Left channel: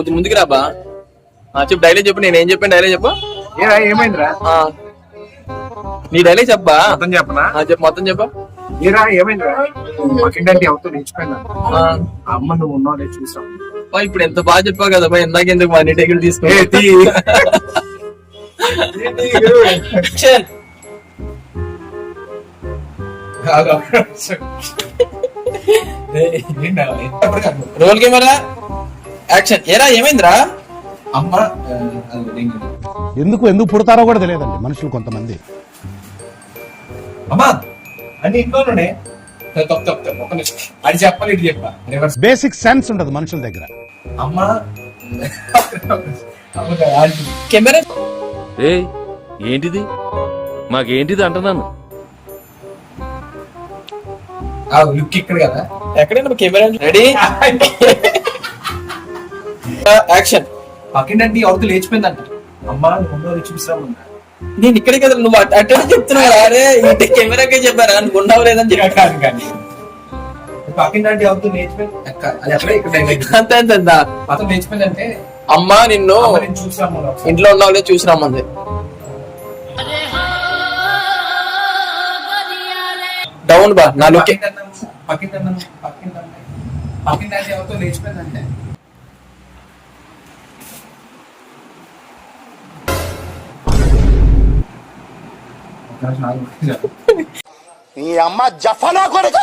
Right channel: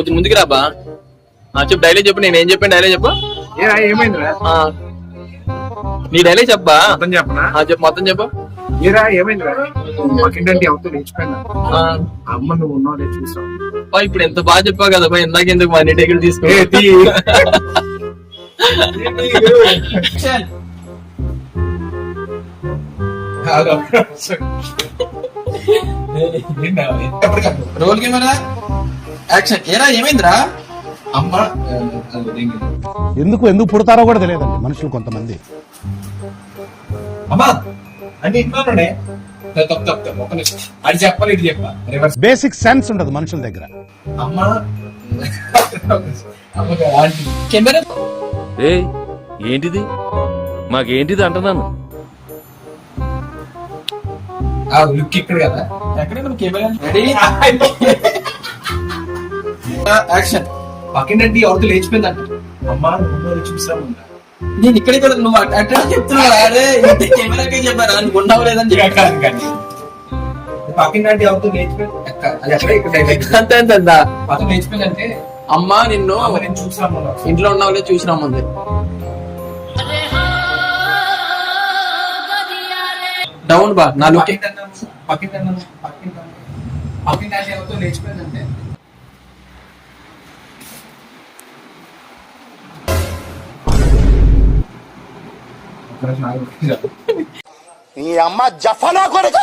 కొంచెం ముందుకు రాబా. చెప్పు డైలాగ్ చెప్పు. నేను ఏం చెప్పాను డైలాగ్ చెప్పు. ఏమైందిరా? నీ డైలాగ్ చెప్పా. మొత్తం చెప్పనా? చెప్పు మొత్తం చెప్పు. ఏమైందిరా? ఏంటంటే అవుతూ లేచిపోయినా అమ్మ నువ్వు ఉన్నావు చూసావు. ఇప్పుడు ఎంత బాగా చెప్పావు కదా బా. ఇందాక ఎందుకు మనీ టేకులు తీసుకో. Roll camera action. ఏరా ఏమైందిరా? అమ్మ ఎందుకు పుడతారో కూడా తెలియదండి మనుషులు కొంతమంది. అమ్మా అని ఇంట్లోనే అది చెప్పాలి ఇది చెప్పా. బేసిక్ సెన్స్ ఉండదు మనుషుల దగ్గర. అమ్మ కెమెరా ఏంటిది మాకేంటిది అంటున్నాను. లుక్ ఇక్కడ కదా. ఎక్కడైనా కెమెరా రెడీ యాక్షన్. పక్కింటి అవుతూ లేచిపోయిందంట. అమ్మ నువ్వు చూసాము. నేను ఇక్కడే కదా నువ్వు అట్టే చెప్తున్నావు. అరే ఇంటి కెమెరాకే చెప్పారా అనుకున్నావు లేదని చెప్పాను. కానీ పక్కింటి అవుతూ లేచిపోయింది. అంతే పక్కన లేచిపోయిందంటే అమ్మా నిన్ను నేను చూసాము. ఇంట్లో ఉన్నావులే చూసి రమ్మంది. డౌన్ బా నా లుక్. పక్కింటి అవుతూ లేచిపోయిందంటే ఈ అమ్మ జఫనా కొడుక